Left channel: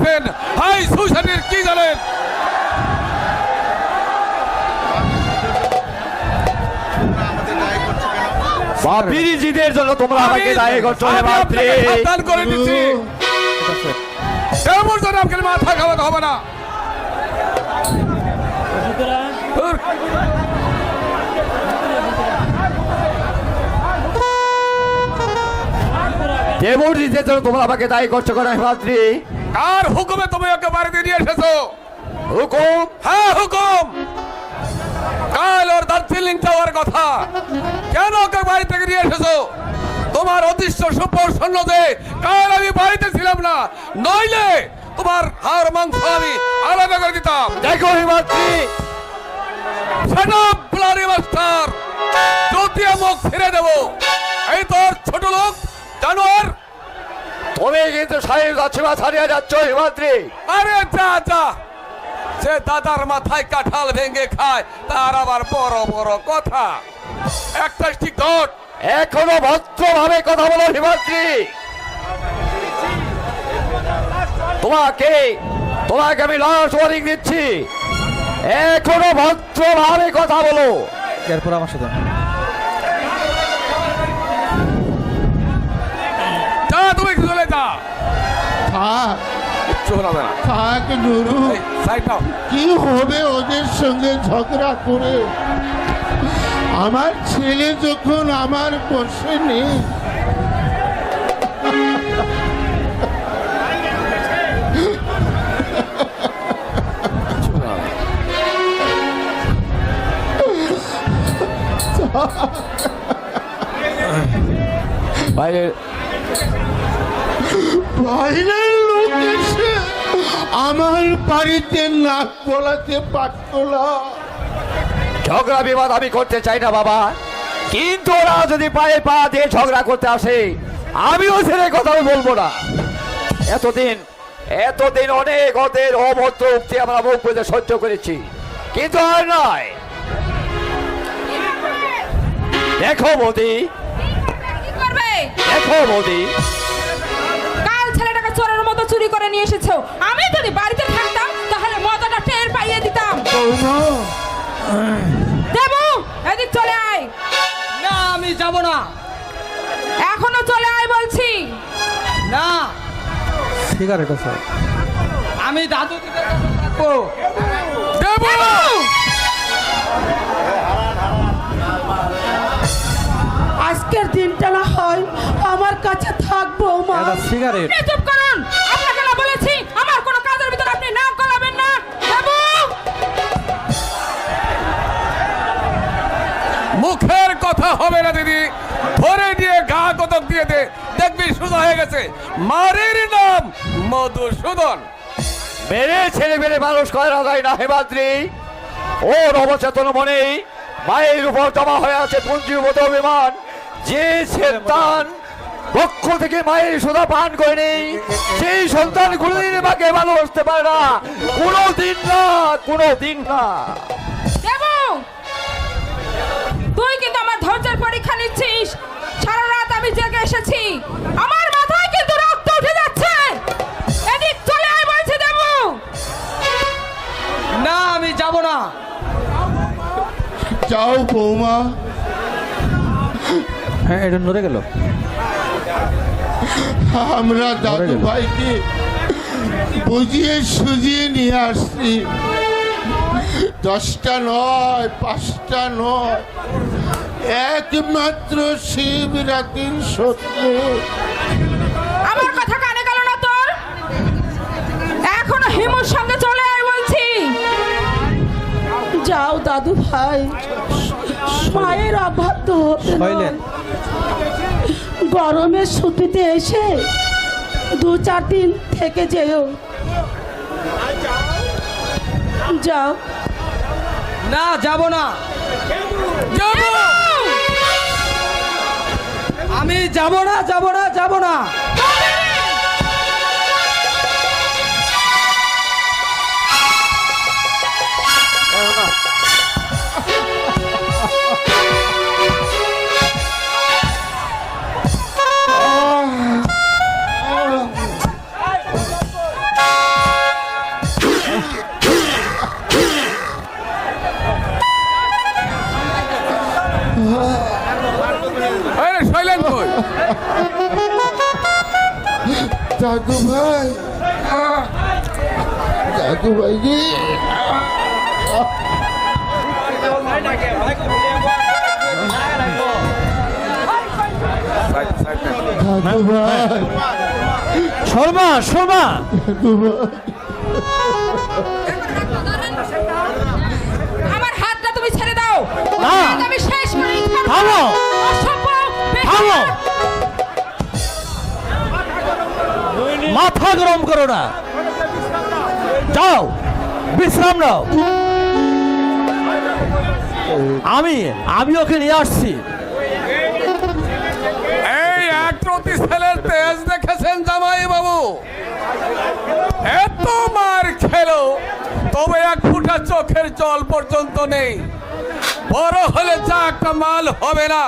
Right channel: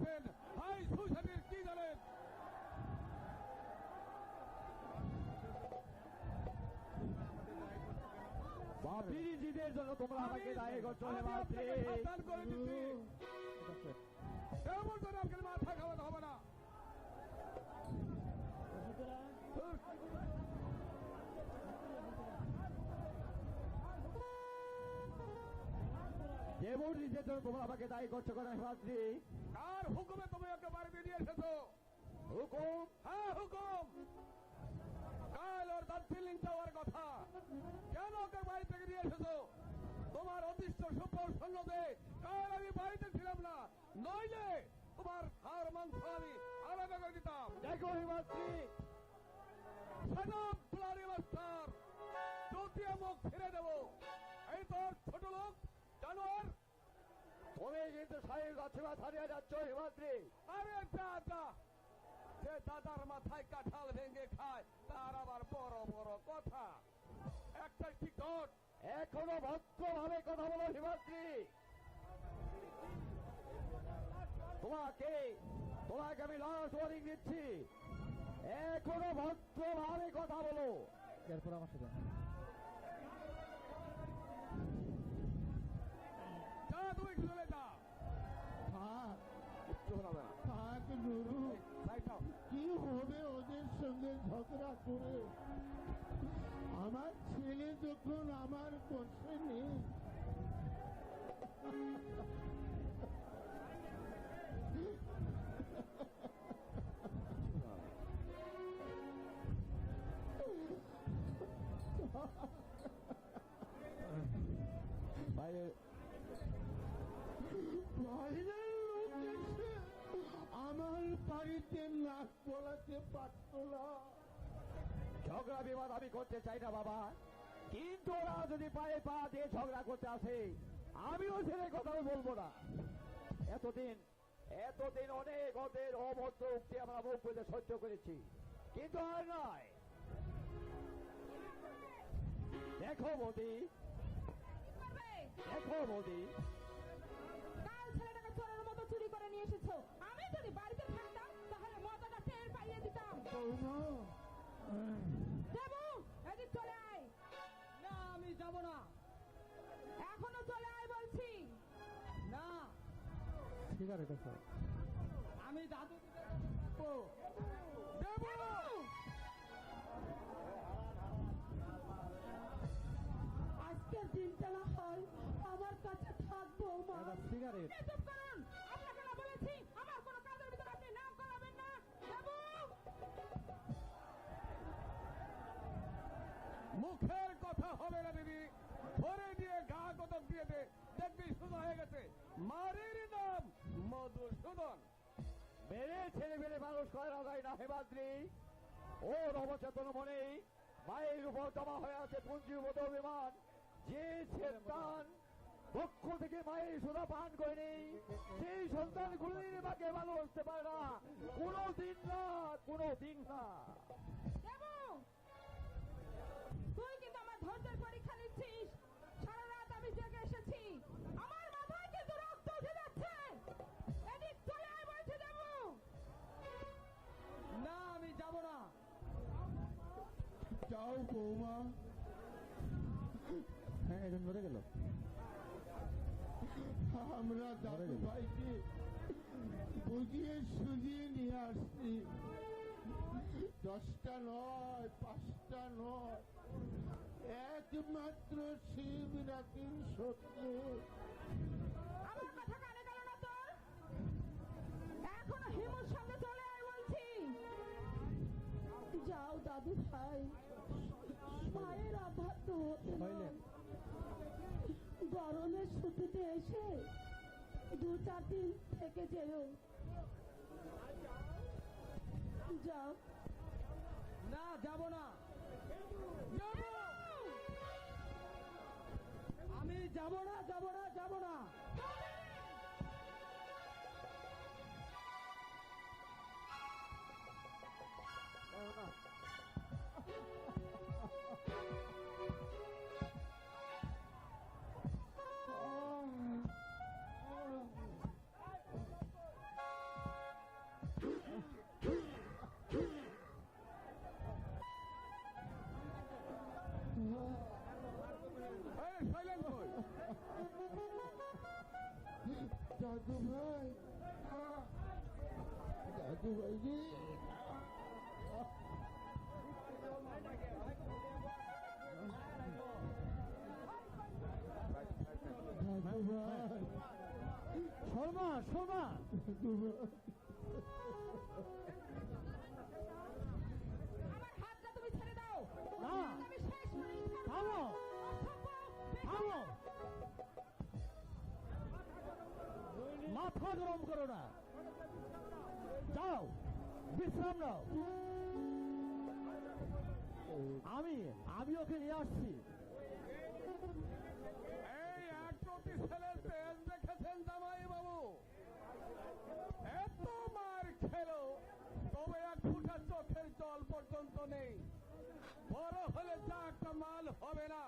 High সুশানের কি জানেন? বিরিজিদের জন্য তোমরা আমাকে দায়ী করছো হে মাতৃ। সাবধান করে দিচ্ছি, এমন যেন আপনার মাথা খাওয়াতে হবে না। দেবরিজিদের জন্য তোমরা আমাকে দায়ী করছো কেন হে মাতৃ? কার হুকুমে তুমি ওকে বাড়িতে নিয়ে এসেছো? হুকুম? হ্যাঁ হুকুম। কাল ওর দার্জিলিং যাওয়ার কথা, কেন ওকে বাড়ি থেকে নিয়ে এসেছো? তোমার অদৃশ্য সুপ্রসন্ন যে কাল আমি বাড়িতে ছিলাম না, নইলে তোমার হাড় মাংস আমি আলাদা করে দিতাম। দেখো হে মাতৃ, ব্লাডি মাস্টার, চৌতিয়া মুখ ফিরে দেবো। এই তোর ছোট লোক জানোয়ার, তুমি কিন্তু সাহেব যাচ্ছে বা ছাড়িয়ে যাচ্ছ হে মাতৃ। আরে যা যা, সে দাদার মাথায় কাঁঠাল ভেঙে খায়, তার আবার বড় বড় কথা। একটা ঠিক ঘট, এখনো ভদ্রভাবে কথা বলো হে মাতৃ। তোমাকে তোমাকে আমি লাস্ট ওয়ার্নিং দিচ্ছি, এখনো ভদ্রভাবে কথা বলো। এরপর আমার সাথে যা তুমি চলে যা। থাক চলে না, থাক নুরু, এই সাইড নাও। কি হবে ওদের সঙ্গে ঝগড়া করে? আমার ছেলে যখন আমার বসে নেই, বাইরে বাইরের লোক এসে আমার বাড়িতে নাক গলাতে পারত না। ঝগড়া বিবাদ আমি করতে চাই না বাবা, কিন্তু ওরা যদি পায়ে পা দিয়ে ঝগড়া করতে আসে, আমিও ছেড়ে কথা বলবো না। এতদিন এতদিন অনেক ওদের অভদ্র উক্তি আমরা মুখ বুঝে সহ্য করেছি, কিন্তু আর নয়। দেখো মোদি, কি করবে? দেখো মোদি, কাল ছেলেটাকে চোরের মতো চুরি করে নিয়ে এসেছো। আমি যদি বাড়িতে থাকতাম তাহলে মজাটা টের পাইয়ে দিতাম। বৌমা, দেবু, এদিক চলে আয়। না, আমি যাব না। এখনো চলে আয় বলছি। না, সিগারেট আছে, আমি দাদু দিতে থাকবো। দেবো, আজকের দিনটা না হয় আমার কাছে থাকবো মা। এটা সিগারেট। আপনি চুপ করুন। আপনাকে না বলেছি আমার কোনো কাজের ভিতর আপনি নাক গলাবেন না। দেবু, মুখের কথা হবে না দিদি, ধরে দিয়ে গা কতক দিয়ে দে, দেখবি সোজা হয়ে গেছে। মারের নাম মধুসূদন। মেরে ছেলে মেরে মানুষ করা যায় না হেমাদ্রি। ওর অবচেতন মনে মায়ের উপর জমা হয়ে আছে পুঞ্জীভূত অভিমান। যে সন্তান পক্ষ থেকে মায়ের সুধা পান করেনি, সেই সন্তান কোনোদিন মাকে ভালোবাসতে পারে না, কোনোদিন না, কোনোদিন না। দেবু, তুই কিন্তু আমার ধৈর্যের পরীক্ষা নিচ্ছিস। সারা রাত আমি জেগে এসেছি, আমার মাথায় কিন্তু রক্ত উঠে যাচ্ছে। এদিক চলে আয় বলছি দেবু। না, আমি যাব না। যাও বৌমা, হ্যাঁ, এটা নড়ে গেল। আমরা দাদু ভাইকে বুঝিয়ে সুজিয়ে নিয়ে আসছি। 10টা নয়, 5টা নয়, একমাত্র শিবরাত্রির সত্যি। আমার কথা কানে গেল না তোর? এখনো হিমুর সঙ্গে চলে আয় বলছি। যাও দাদু ভাই, মায়ের অবাধ্য হতে নয়। গরমের ছুটিতে এসে 2-4 দিন থেকে যেও। যাও। না, যাব না। যাবো, আমি যাব না, যাব না, যাব না। দাদু ভাই, দাদু ভাই রে, দাদু ভাই, শর্মা শর্মা দাদু ভাই। আমার হাতটা তুমি ছেড়ে দাও না। আমি শেষ করে থামো। থামো। মাথা গরম করো না, যাও বিশ্রাম নাও। আমি ওকে নিয়ে আসছি। এই একরতি ছেলের তেজ দেখেছেন জামাই বাবু? এত মার খেলো তবে এক ফুটা চোখের জল পর্যন্ত নেই। বড় হলে যা একটা মাল হবে না,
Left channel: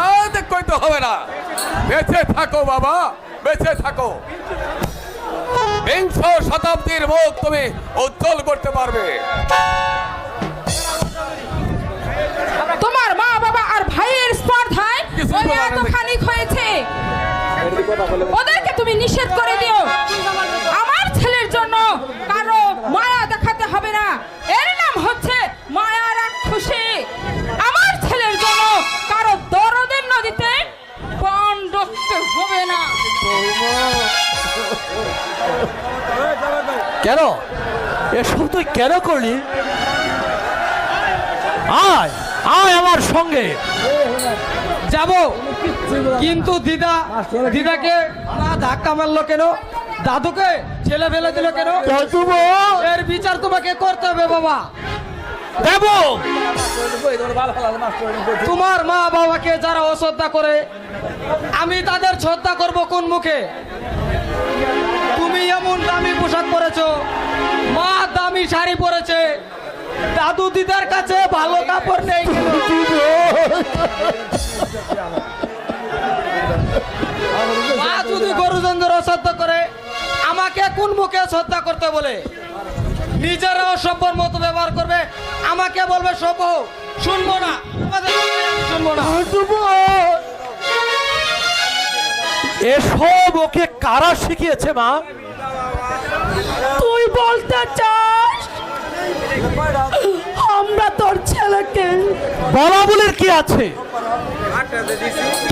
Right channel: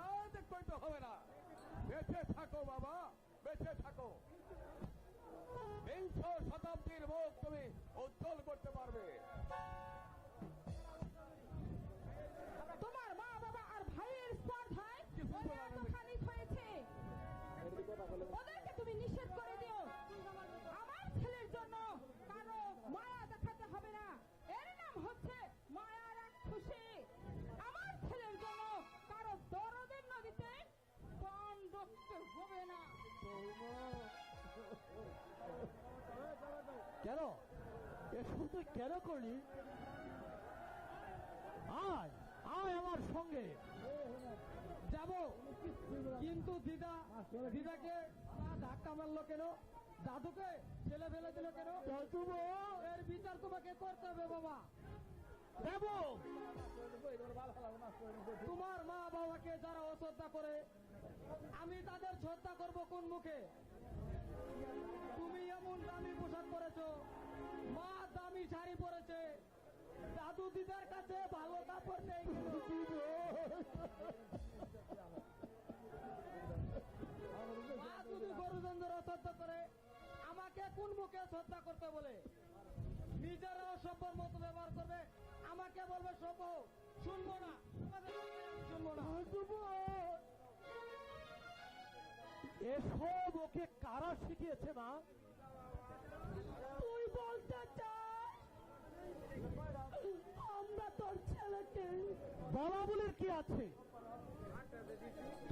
আর কইতে হবে না। বেঁচে থাকো বাবা, বেঁচে থাকো। বিংশ শতাব্দীর মুখ তুমি উজ্জ্বল করতে পারবে। তোমার মা বাবা আর ভাইয়ের স্পর্ধায় কিছু ওরা বলার এত নেই। খানিক হয়েছে, ওদেরকে তুমি নিষেধ করে দিও। আমার ছেলের জন্য কারো মায়া দেখাতে হবে না, এর নাম হচ্ছে মায়া রাক্ষসী। আমার ছেলের জন্য কারো দরদের নদীতে পণ ডুবতে হবে না। কেন এসব তুই কেন করলি? আয় আয় আমার সঙ্গে যাব, কিন্তু দিদাকে না ধাক্কা মারলো কেন? দাদুকে ছেলে ফেলে দিল কেন? দাদু ভাই, এর বিচার তোমাকে করতে হবে বাবা। দেব। তোমার মা বাবাকে যারা অশ্রদ্ধা করে, আমি তাদের শ্রদ্ধা করব কোন মুখে? তুমি এমন দামি পোশাক পরেছো, মা দামি শাড়ি পরেছে, দাদু দিদার কাছে ভালো কাপড় নেই কেন? মা যদি গুরুজনদের অশ্রদ্ধা করে, আমাকে কোন মুখে শ্রদ্ধা করতে বলে? নিজেরা অসভ্যর মতো ব্যবহার করবে, আমাকে বলবে সভ্য। শুনবো না, তোমাদের কথা আমি শুনবো না। দাদু ভাই, এসব ওকে কারা শিখিয়েছে মা? তুই বলতে চাস আমরা তোর ছেলেকে বলা বলে কি আছে?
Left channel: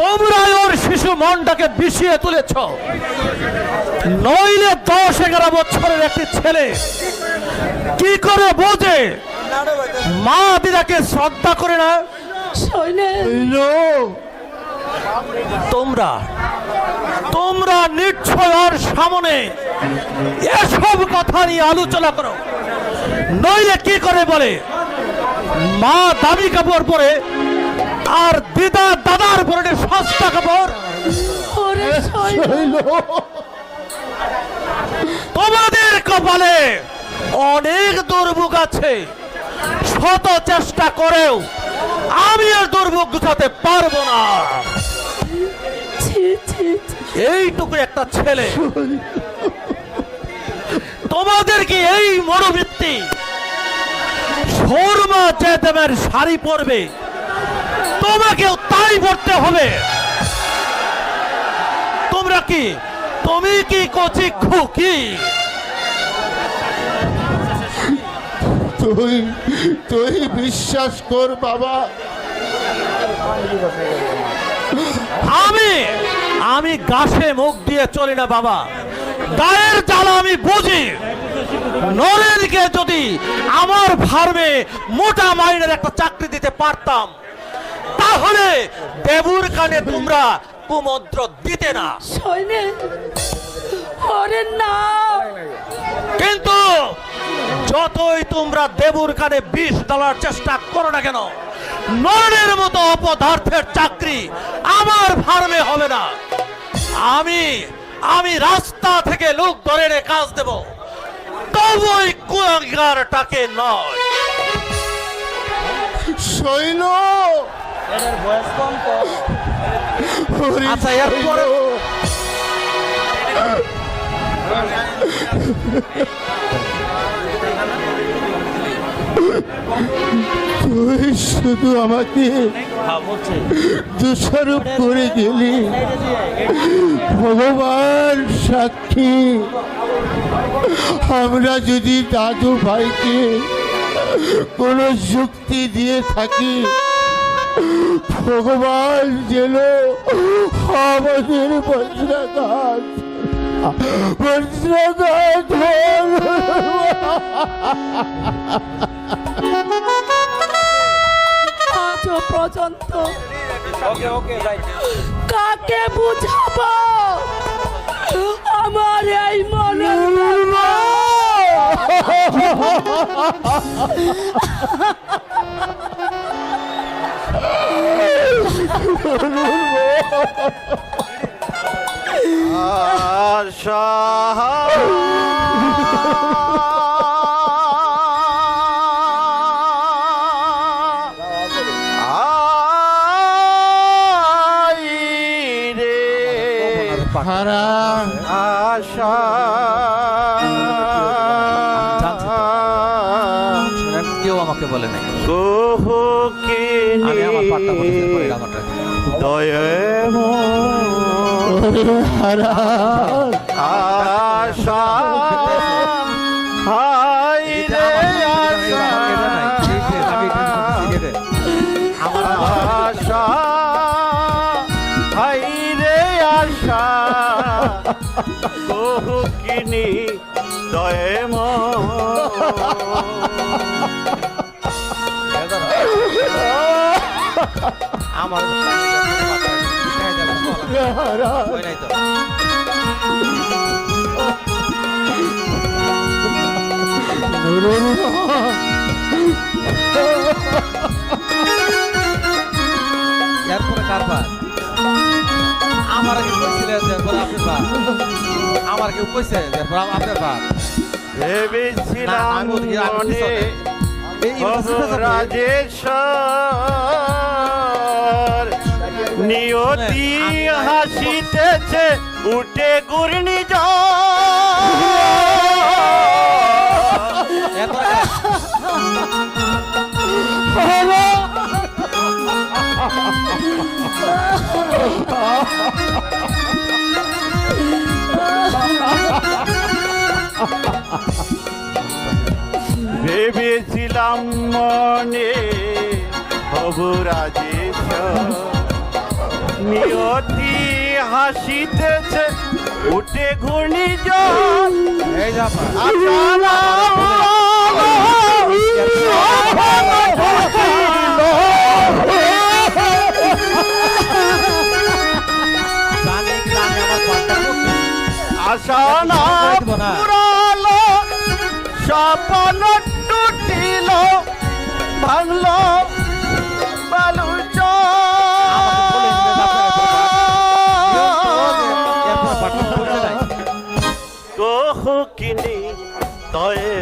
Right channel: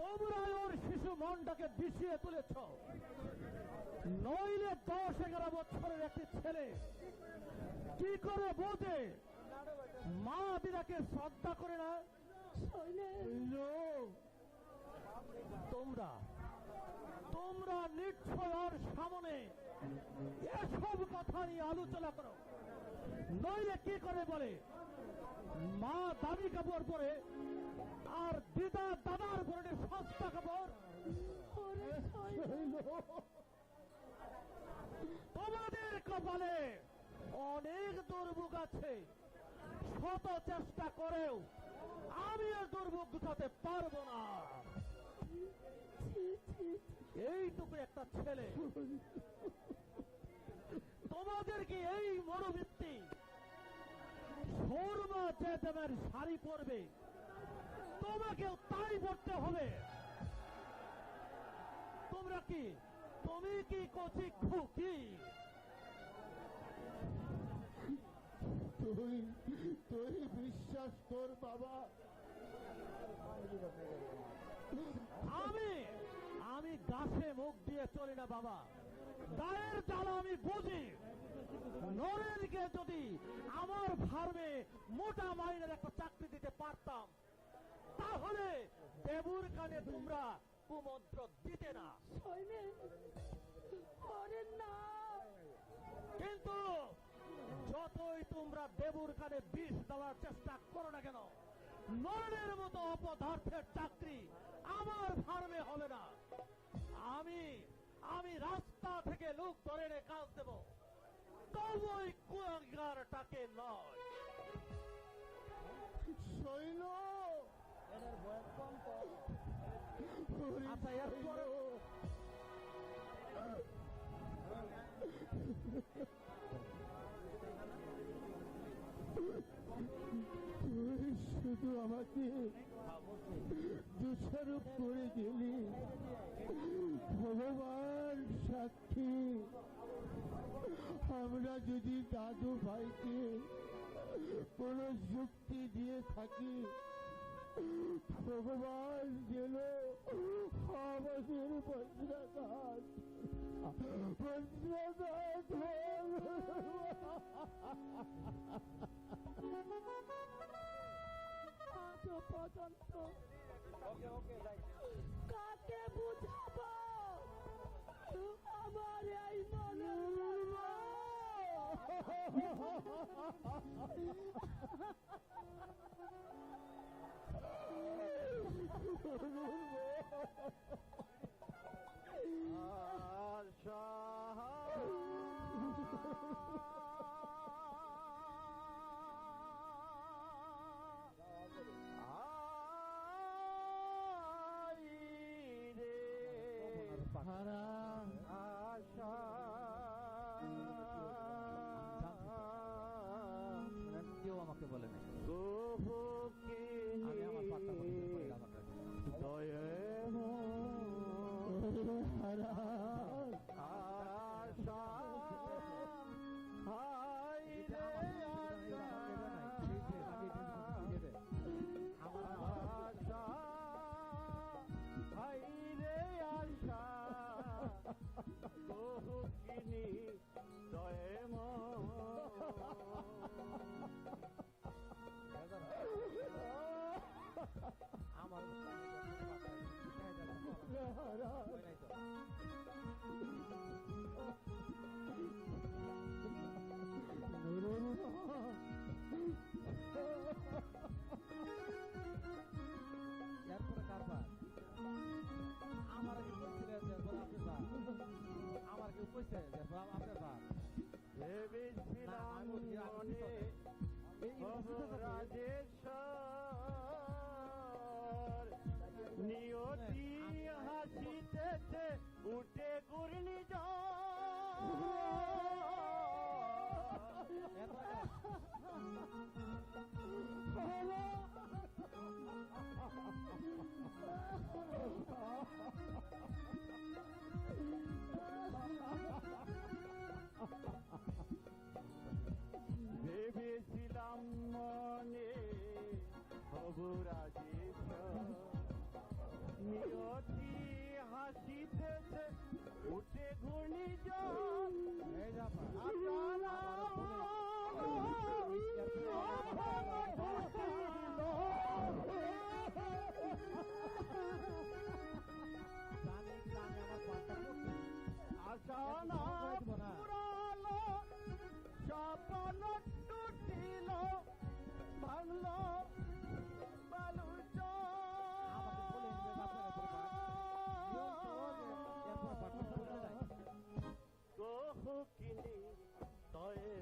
তোমরা ওর শিশু মনটাকে বিষিয়ে তুলেছ। নইলে 10-11 বছরের একটি ছেলে কি করে বোঝে মা দিদাকে শ্রদ্ধা করে না? সৈন্য তোমরা নিশ্চয় ওর সামনে এসব কথা নিয়ে আলোচনা করো। নইলে কি করে বলে মা দামি কাপড় পরে আর দিদা দাদার পরে সস্তা কাপড়? ওরে সৈন্য শৈল, তোমাদের কপালে অনেক দুর্ভোগ আছে, শত চেষ্টা করেও আমি আর দুর্ভোগ গুছাতে পারবো না। ছি ছি ছি। এইটুকু একটা ছেলে, তোমাদের কি এই মনোবৃত্তি? শর্মা যে দেবের শাড়ি পরবে তোমাকেও তাই পড়তে হবে? তুমি কি কচি খুকি? তুই বিশ্বাস কর বাবা, আমি গাছে মুখ দিয়ে চলি না বাবা। গায়ের জ্বালা আমি বুঝি। নরেনকে যদি আমার ফার্মে মোটা মাইনের একটা চাকরি দিতে পারতাম, তাহলে দেবুর কানে তোমরা কুমন্ত্র দিতে না। সৈন্য ওরে না, কিন্তু যতই তোমরা দেবুর কানে বিষ দেওয়ার চেষ্টা করো না কেন, নরেনের মতো অপদার্থের চাকরি আমার ফার্মে হবে না। আমি রাস্তা থেকে লোক ধরে এনে কাজ দেব, তবু ওই কুলাঙ্গারটাকে নয়। শৈল, আচ্ছা, এরপরে তুই শুধু আমাকে দোষারোপ করে গেলি। ভগবান সাক্ষী, আমরা যদি দাদু ভাইকে কোনো যুক্তি দিয়ে থাকি, ভগবান যেন আমাদের বজ্রাঘাত আজ পর্যন্ত কাকে বুঝাবো আমার এই মনের ব্যথা? হারা আশা কেউ আমাকে বলে নাই, কোহকিনী আমি আমার পাট্টা বলেছি পরে গানটা। হারা আশা হাই রে আশা আশা হাই রে আশা কোহকিনী দয়েম আমার ওই নাই তো এরপরে কার পার আমার আগে কইছিলেন যে পরে আপনার পার আমার কেউ কইছে যে পরে আপনার পার ভেবেছিলাম আমি ওদিকে আমি মনে পিছনে। এই রাজেশ্বর নিয়তি হাসিতেছে উঠে ঘূর্ণি ভেবেছিলাম মনে হবু রাজেশ্বর নিয়তি হাসিতেছে উঠে ঘূর্ণি এই যা জানি জানি আমার পাট্টা আশা না পুরালো স্বপ্ন টুটিল ভাঙলো বালু কোহকিনী তয়ে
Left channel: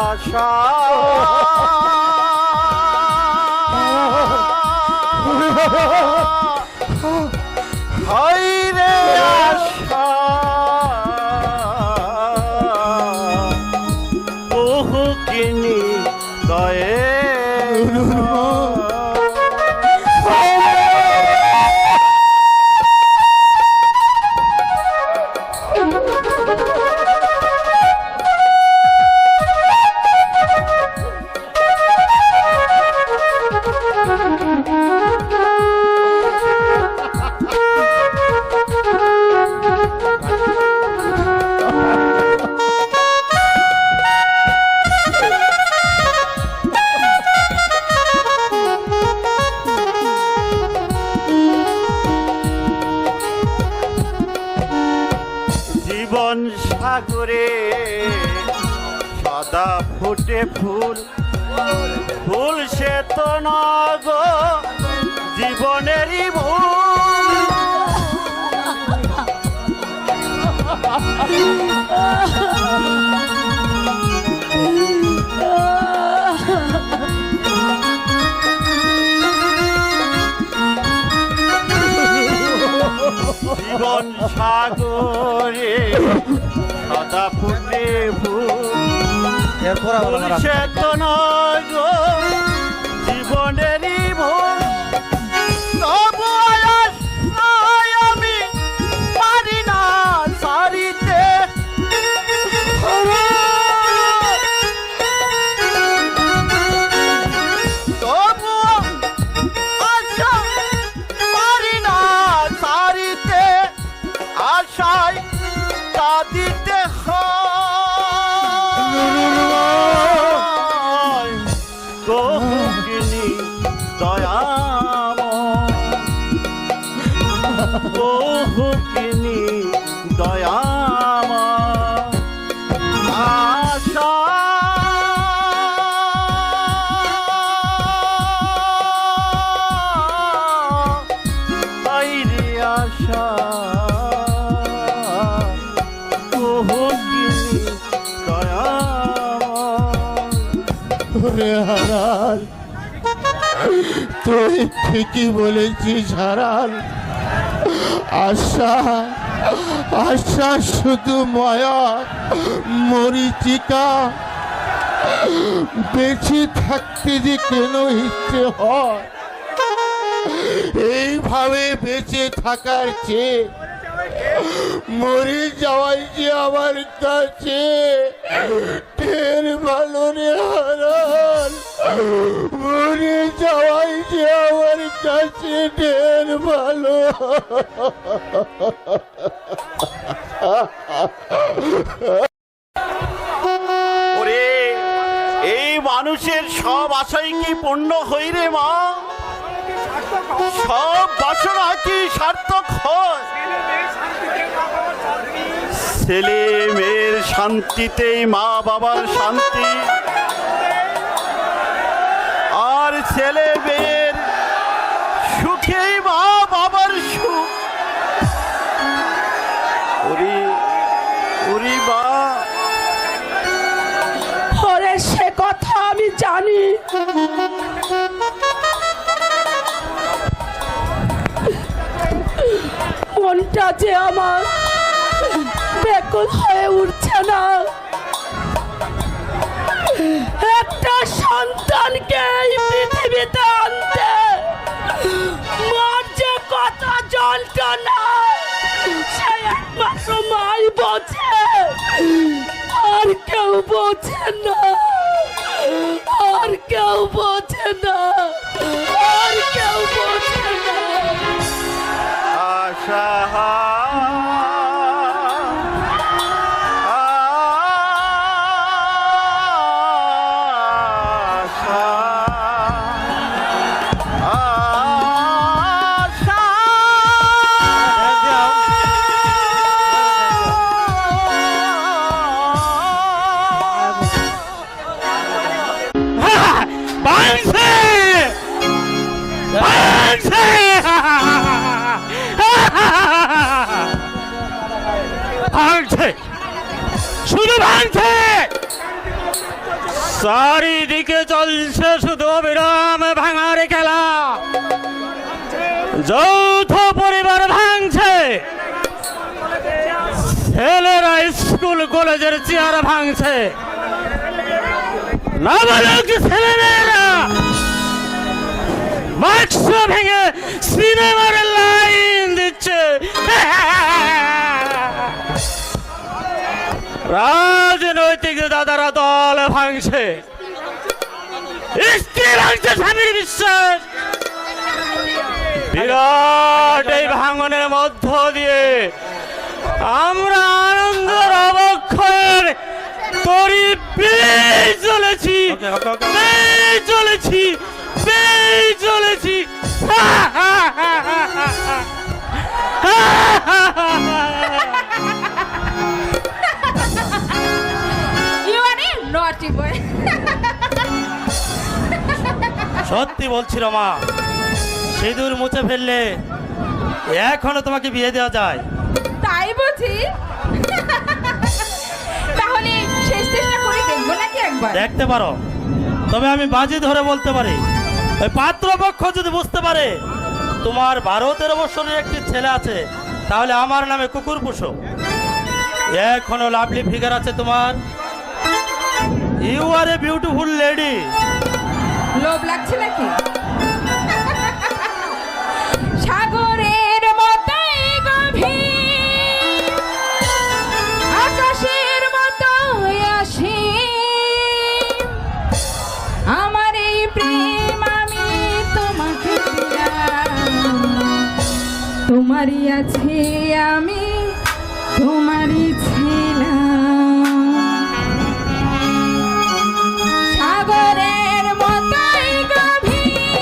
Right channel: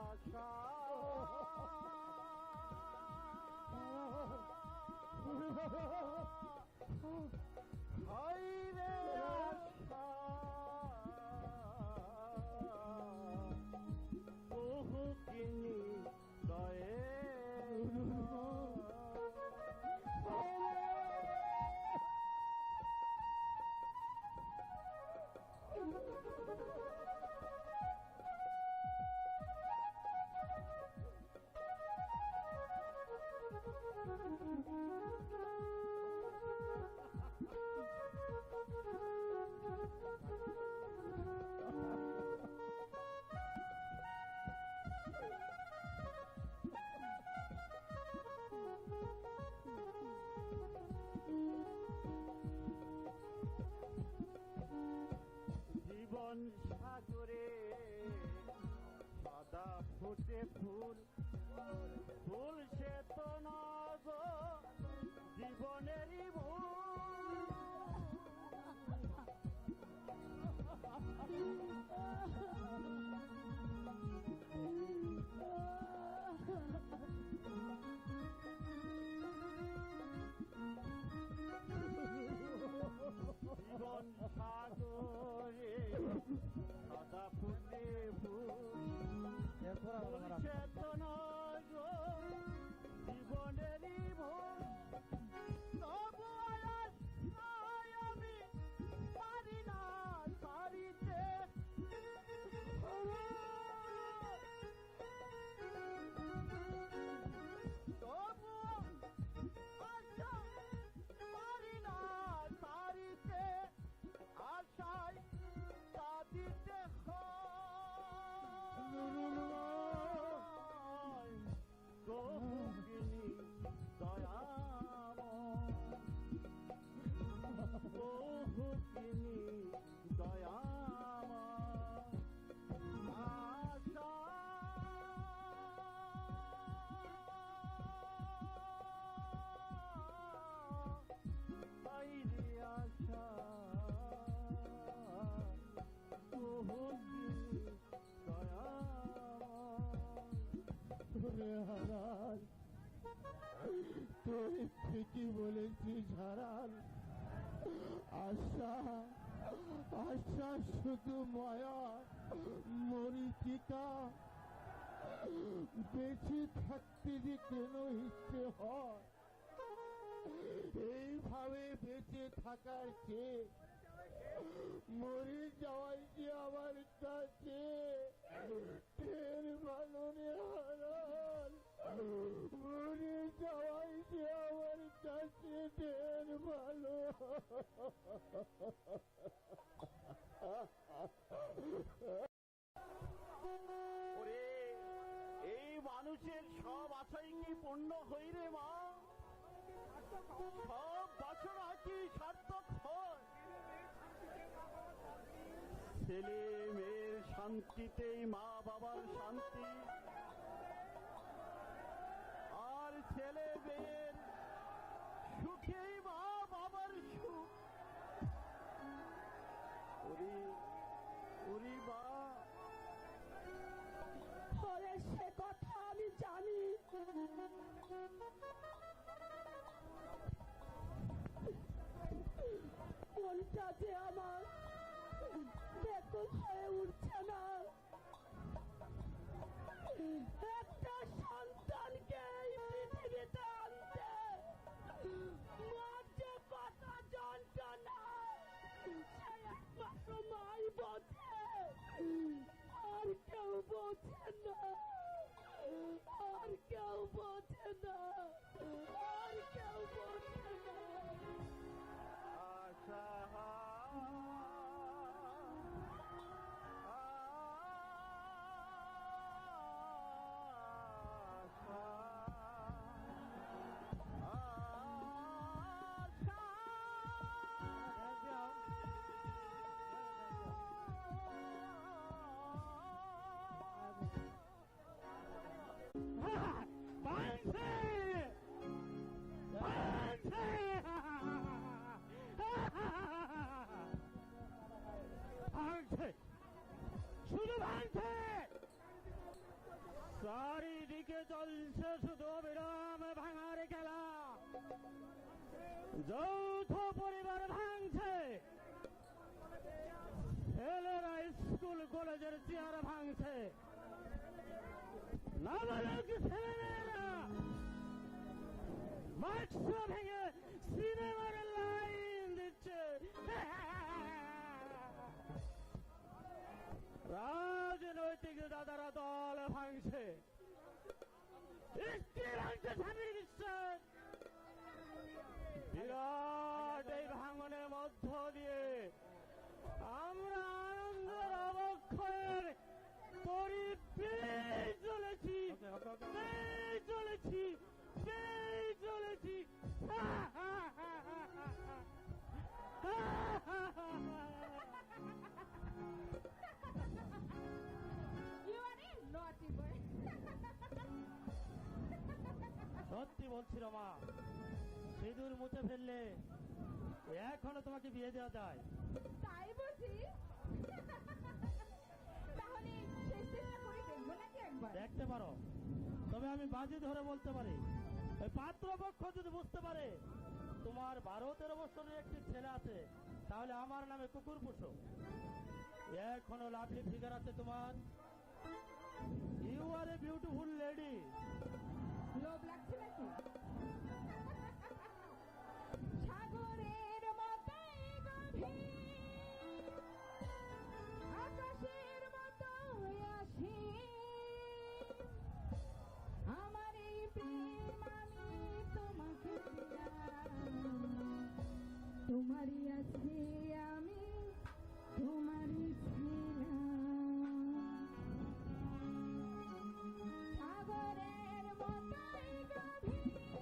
আশা হাই রে আশা কোহকিনী তয়ে জীবন সাগরে সদা ফুটে ফুল ফুল সে তো নগ জীবনেরই ভুল জীবন সাগরে সদা ফুটে ফুল সে তো নয় গো জীবনেরই ভুল, তবু আয়াস নয় আমি পারি না সারিতে। তবু আশা পারি না সারিতে, আশায় কাঁদিতে হয় গহগিনী দয়াময়, গহগিনী দয়াময় আশা। আইরে আশা গহগিনী দয়াময়। ওরে হারান, তুই ঠিকই বলেছিস হারান। আশা আশা শুধু মায়া মরিচিকা, বেঁচে থাকতে যে কেন ইচ্ছে হয়, এইভাবে বেঁচে থাকার চেয়ে মরে যাওয়াই যে আমার কাছে ঢের ভালো রে হারান। মরে যাওয়াই যে আমার কাছে ঢের ভালো। ওরে এই মানুষের সব আশাই কি পূর্ণ হই রে মা? সব বাসনা কি সার্থক হয়? ছেলে মেয়ের শান্তিতেই মা বাবার শান্তি, আর ছেলে মেয়ের সুখেই মা বাবার সুখ। ওরে ওরে মা, ওরে সে কথা আমি জানি, মনটা যে আমার বেকুল হয়ে উঠছে না। একটা সন্তানকে এই পৃথিবীতে আনতে মার যে কত যন্ত্রণা, সে একমাত্র মাই বোঝে, আর কেউ বোঝে না, আর কেউ বোঝে না, আর কেউ বোঝে না। আশা ভাঙছে, শুধু ভাঙছে, চারিদিকে চলছে শুধু অবিরাম ভাঙার খেলা। যৌথ পরিবার ভাঙছে, ছেলেরা স্কুল কলেজের চেয়ার ভাঙছে, নাবালক ছেলেমেয়েরা বাক্স ভেঙে সিনেমার লাইন দিচ্ছে। রাজনৈতিক দাদারা দল ভাঙছে, স্ত্রী ভাঙছে স্বামীর বিশ্বাস। বিরাট এই ভাঙনের মধ্য দিয়ে আমরা আনন্দের অবক্ষয়ের তরি পেয়ে চলেছি, পেয়ে চলেছি, পেয়ে চলেছি। You are a naughty boy. সত্যি বলছি রমা, সিঁদুর মুছে ফেললে এখনো তোমাকে বিয়ে দেওয়া যায়। তাই বুঝি? তাহলে শেষ চেষ্টা করে দেখবো নাকি একবার? দেখতে পারো, তবে আমি বাজি ধরে বলতে পারি, ওই পাত্রপক্ষ যদি বুঝতে পারে তোমার 12-13 বছরের একটি ছেলে আছে, তাহলে আমার নামে কুকুর পুষো। এখনো লাভলি ফিগার আছে তোমার, you are a beautiful lady. লোভ লাগছে নাকি? সাগরের মতোই গভীর, আকাশের মতোই অসীম, আমার এই প্রেম আমি তোমাকে দিলাম। তোমারই আছে আমি তোমারই ছিলাম। সাগরের মতোই গভীর,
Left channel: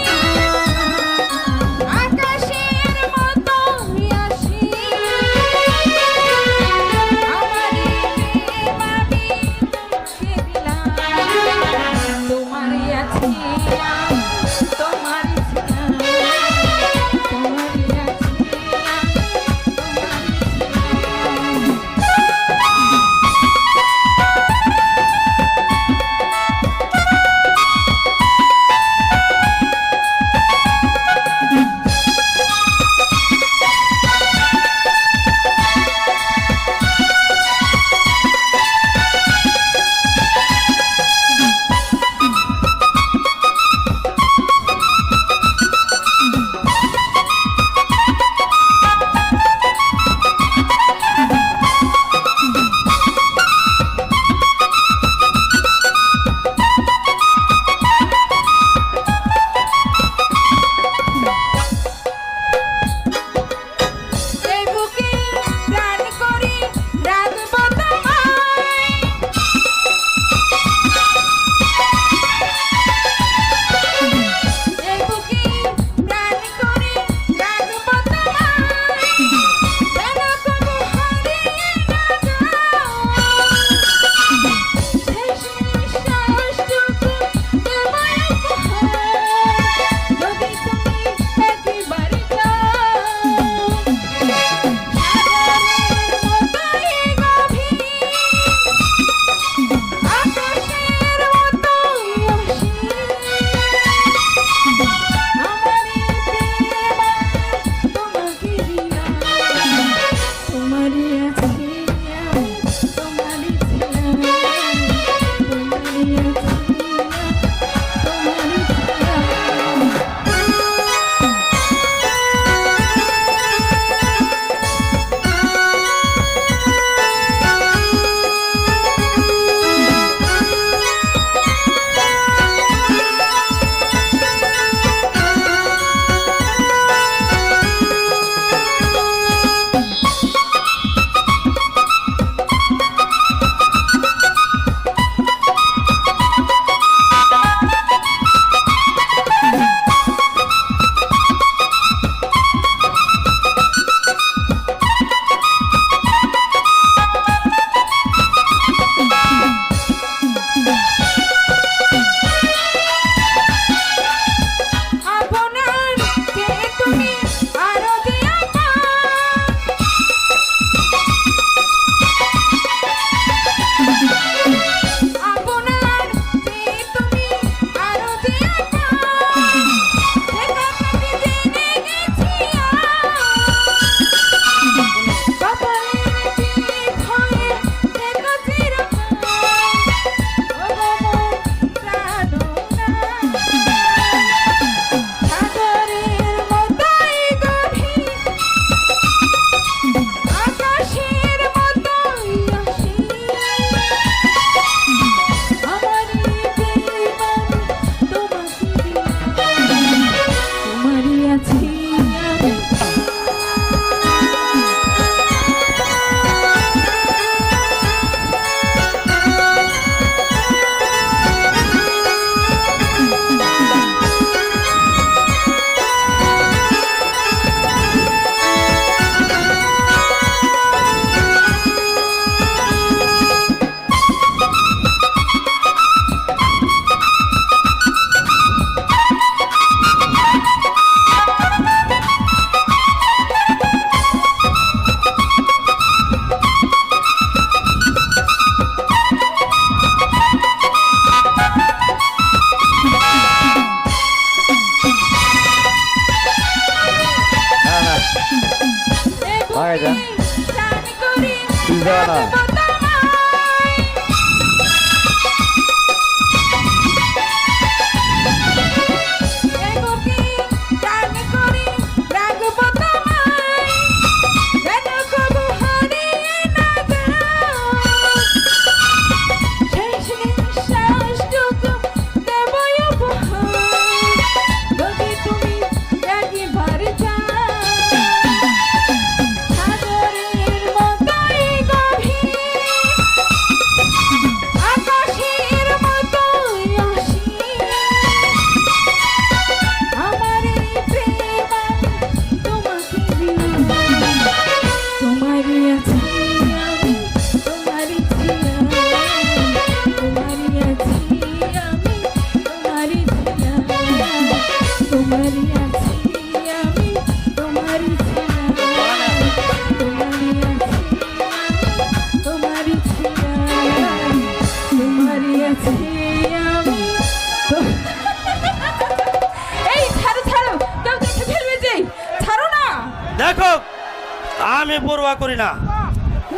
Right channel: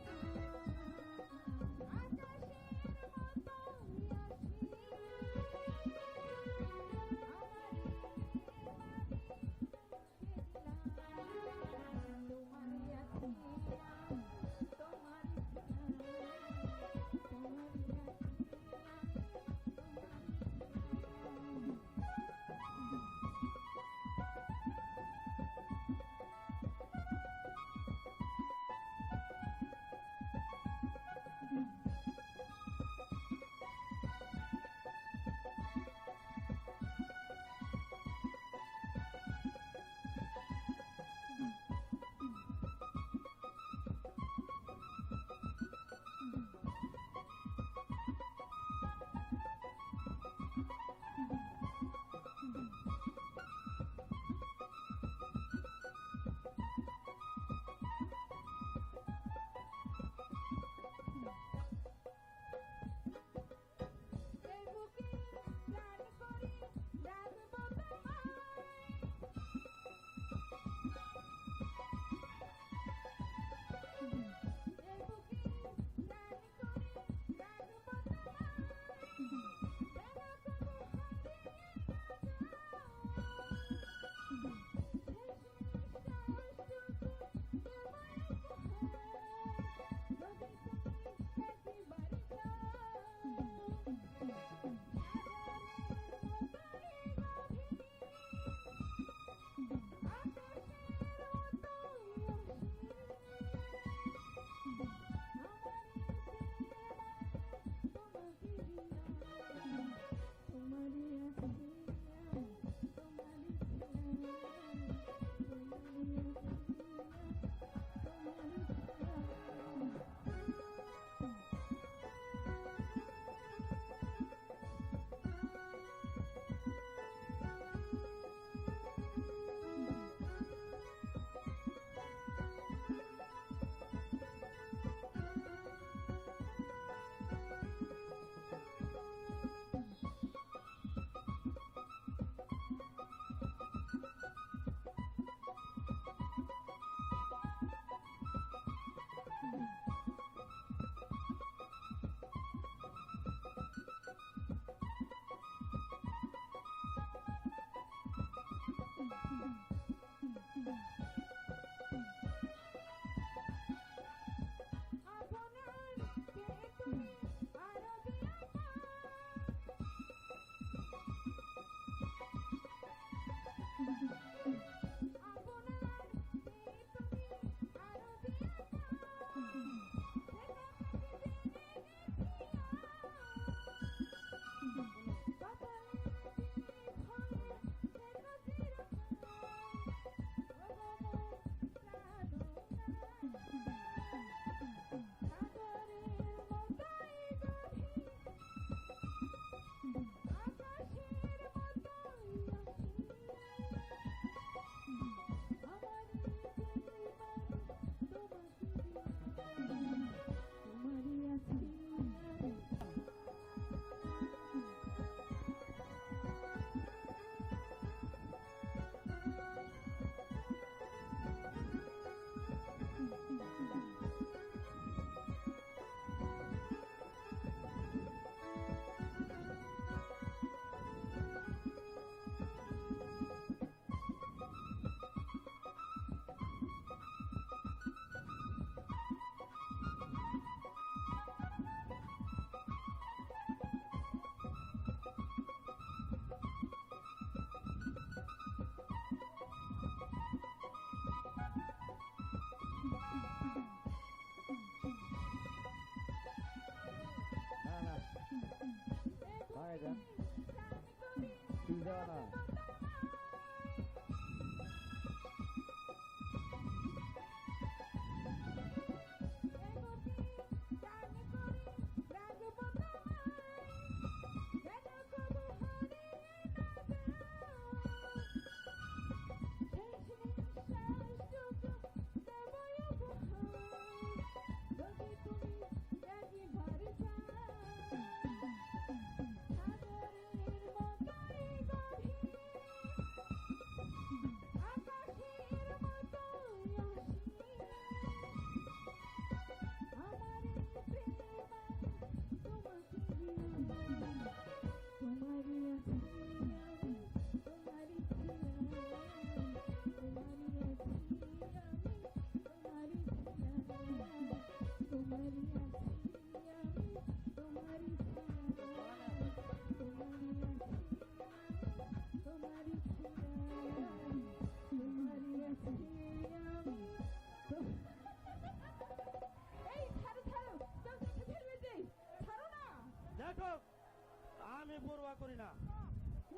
পরোয়া করি না।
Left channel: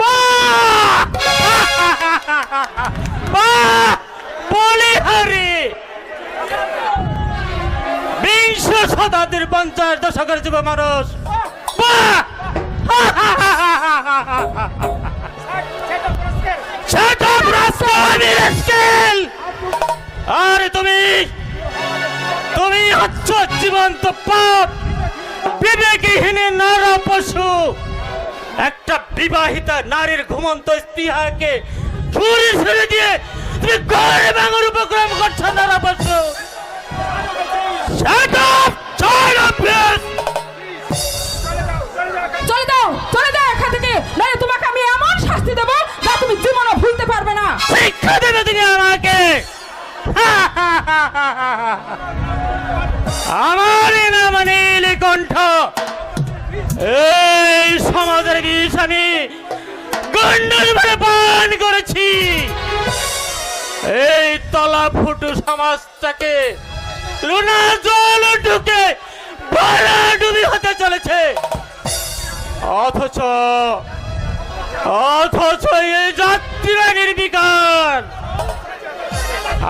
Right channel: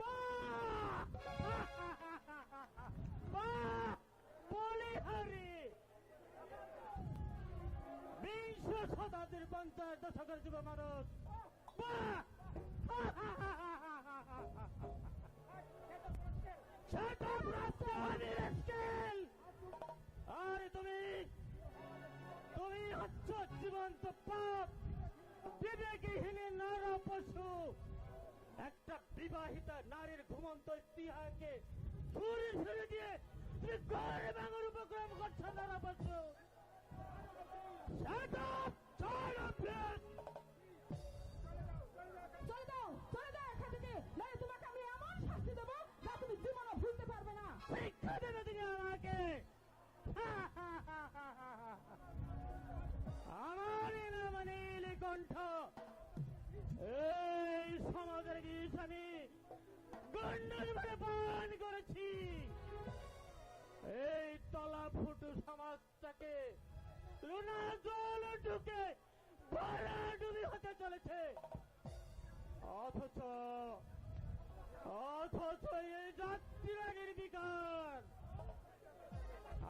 বাহ! বাহ! বলিহারি বিংশ শতাব্দীর 50 দশকের যুব মানুষ। বাহ! Shut up, rascal! আরে তুমি হচ্ছ জীবন্ত পাপ, বিবেকহীন নর পশু। একটা বিবাহিতা নারীর ঘুমন্ত স্ত্রীকে ছুরি ছুরি দিয়ে তুমি ঘরে ভাঙার উপক্রম করছো নর পশু। Shut up! Shut up, please! চলে দাও এখান থেকে, নইলে তোমাকে আমি এমন শাস্তি দেবো যা তুমি জীবনে ভুলতে পারবে না। শিক্ষা দেবে তুমি আমাকে? আমার নাম নীলকণ্ঠ। এই সমাজের বিষ আমি গন্ডল ভরে পান করেছি। এই তলা ফুটু সমাজটাকে লুনা জল ঢুকে ভরা ডুবি হতে চলেছে। অথচ এই যাত্রীরা নির্বিকার।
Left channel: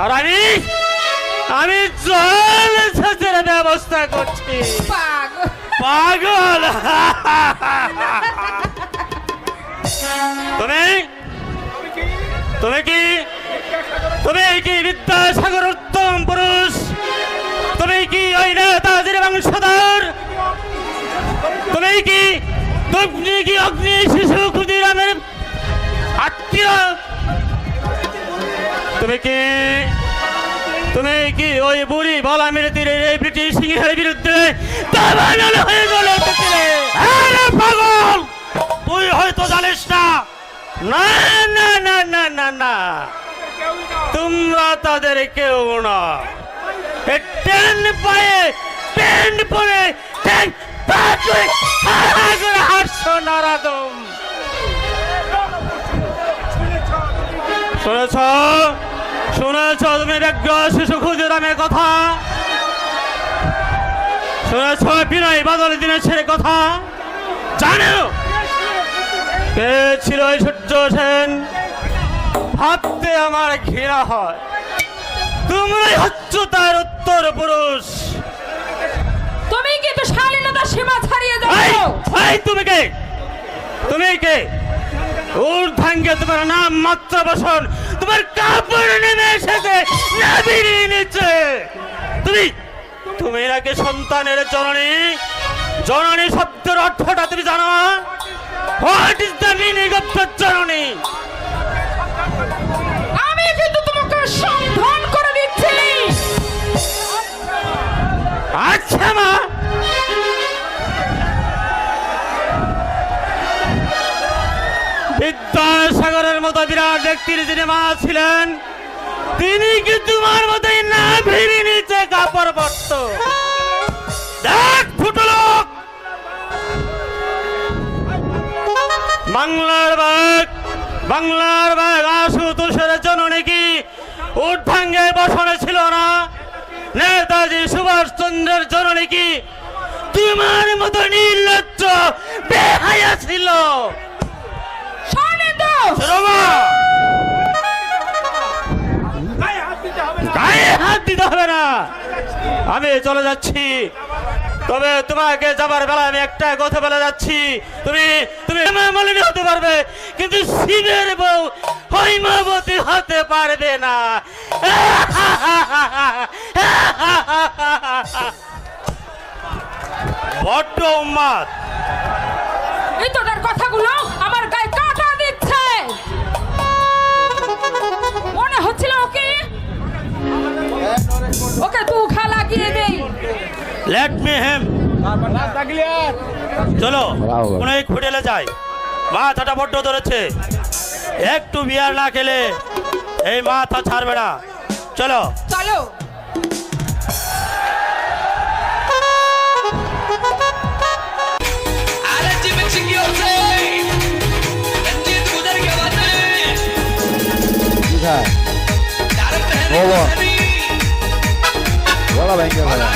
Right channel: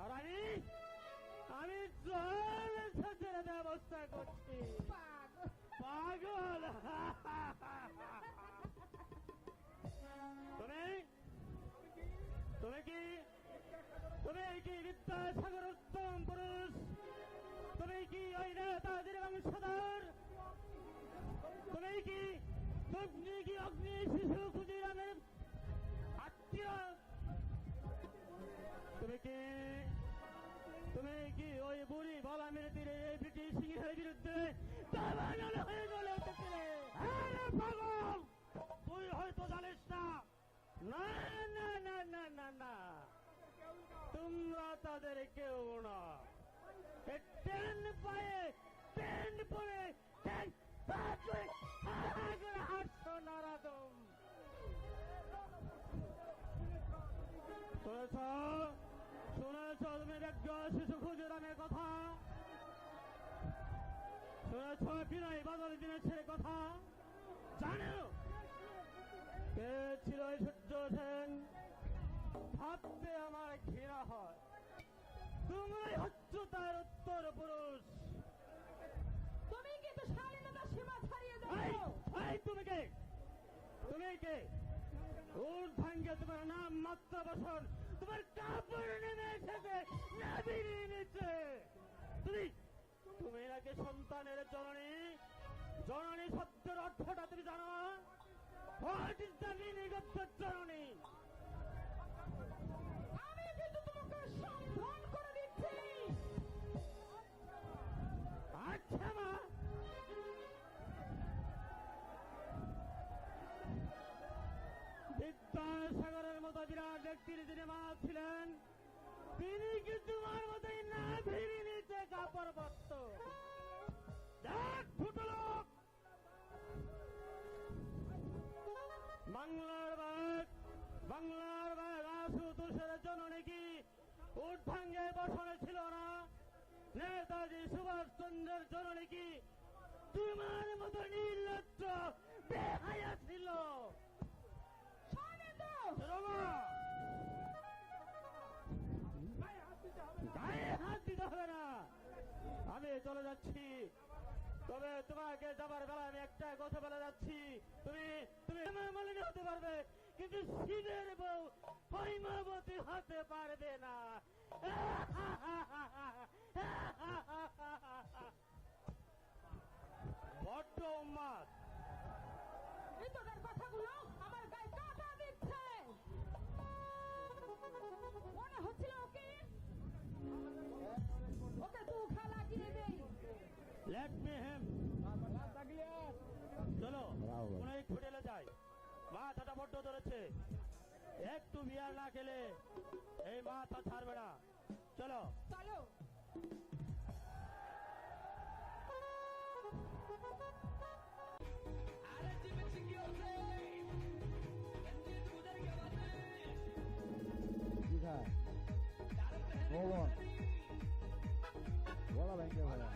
আর আমি জল সেচের ব্যবস্থা করছি। পাগল! তুমি কি বিদ্যাসাগর উত্তম পুরুষ? তুমি কি ওই নেতাজির বংশধর? তুমি কি অগ্নি শিশু ক্ষুদিরামের আত্মীয়? তুমি কি ওই বুড়ি বলামের তীরে এই ব্রিটিশ সিংহের বিরুদ্ধে দাবানল হয়ে গেলে উঠেছিলে? আরে পাগল, তুই হয়তো জানিস না। না না না না না না, তোমরা তাদের কেউ না। টেন পায়ে প্যান্ট পরে হাসছো নারাদম। শুনেছ তুমি ব্যগ্র শিশু ক্ষুদিরামের কথা? শুনেছ বিনয় বাদল দীনেশের কথা? জানো কে ছিল এই সূর্য সেন? ভাবতে আমার ঘৃণা হয়। তোমরাই হচ্ছ তার উত্তর পুরুষ। তুমি কিন্তু শালীনতার সীমা ছাড়িয়ে যাচ্ছ। তুমি কে? ঊর্ধ্বাঙ্গে তোমার নাম মাত্র বসন, তোমার কাপড় নেমে এসেছে নাভির নিচে। তুমি নাকি সন্তানের জননী শব্দের অর্থটা তুমি জানো? What is the meaning of the জননী? আমি কিন্তু তোমাকে সাবধান করে দিচ্ছি। আচ্ছা মা, বিদ্যাসাগরের মতো বিরাট ব্যক্তির যিনি মা ছিলেন, তিনি কি তোমার মতোই না ভিড়ি নিচে কাপড় পরত? দেখ ফুটো লোক, বাংলার বাঘ আশুতোষের জননী কি ঊর্ধ্বাঙ্গে বসনে ছিল না? নেতাজি সুভাষচন্দ্রের জননী কি তোমার মতো নির্লজ্জ বেহায়া ছিল? গায়ে হাত দিতে হবে না। আমি চলে যাচ্ছি, তবে তোমাকে যাবার বেলা আমি একটা কথা বলে যাচ্ছি। তুমি মলিনী হতে পারবে, কিন্তু শিবের বউ হৈমাবতী হতে পারবে না। বড্ড উন্মাদ। এই তোটার কথাগুলো আমার গায়ে কাঁটা দিচ্ছে। মনে হচ্ছিল ওকে দুঃখা লাগিয়ে দেই। লেট মি হেম। চলো কোনো এক হোটেলে যাই। মাথাটা বড্ড ধরেছে, একটু বিয়ার না খেলে এই মাথা ছাড়বে না। চলো চলো। বলা ভয়ঙ্কর ভাইয়া।